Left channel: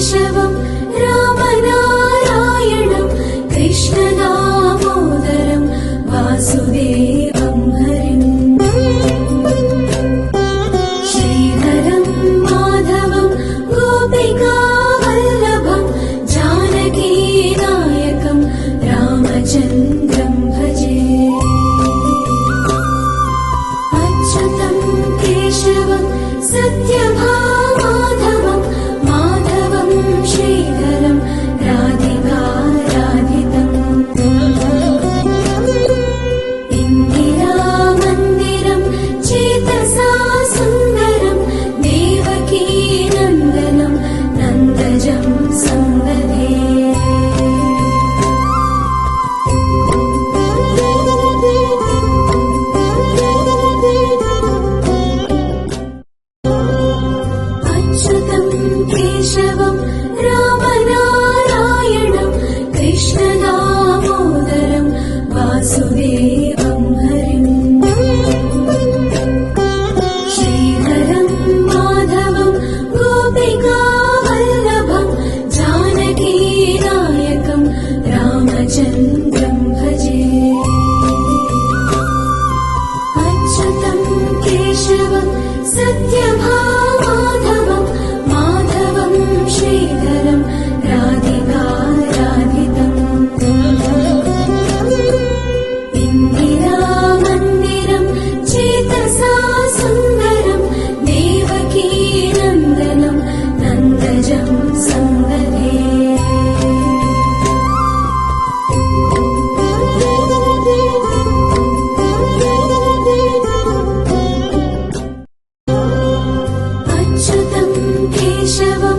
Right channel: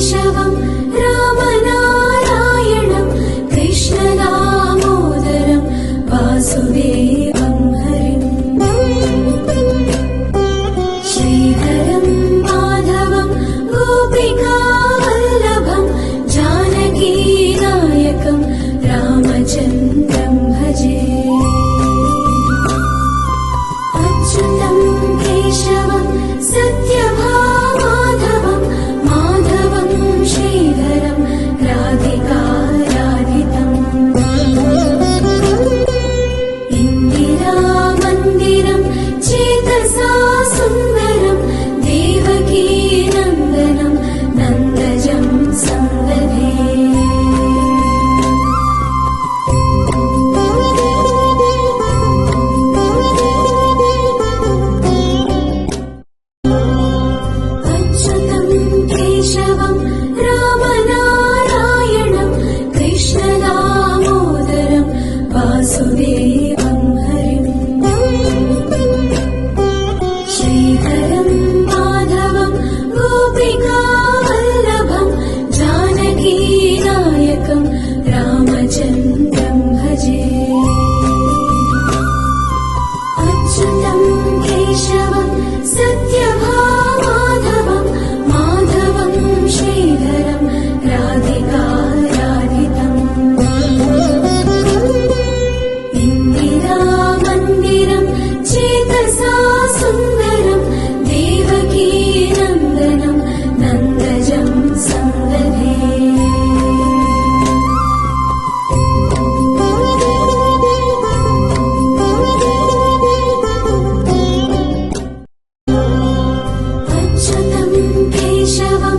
केशवं रामनारायणं कृष्णदामोदरं वासुदेवं हरिम् श्रीधरं माधवं गोपिकावल्लभं जानकीनायकं रामचन्द्रं भजे अच्युतं केशवं सत्यभामाधवं माधवं श्रीधरं राधिकाराधितम् इन्दिरामन्दिरं चेतसा सुन्दरं देवकीनन्दनं नन्दजं सन्ददे अच्युतं केशवं रामनारायणं कृष्णदामोदरं वासुदेवं हरिम् श्रीधरं माधवं गोपिकावल्लभं जानकीनायकं रामचन्द्रं भजे अच्युतं केशवं सत्यभामाधवं माधवं श्रीधरं राधिकाराधितम् इन्दिरामन्दिरं चेतसा सुन्दरं देवकीनन्दनं नन्दजं सन्ददे अच्युतं केशवं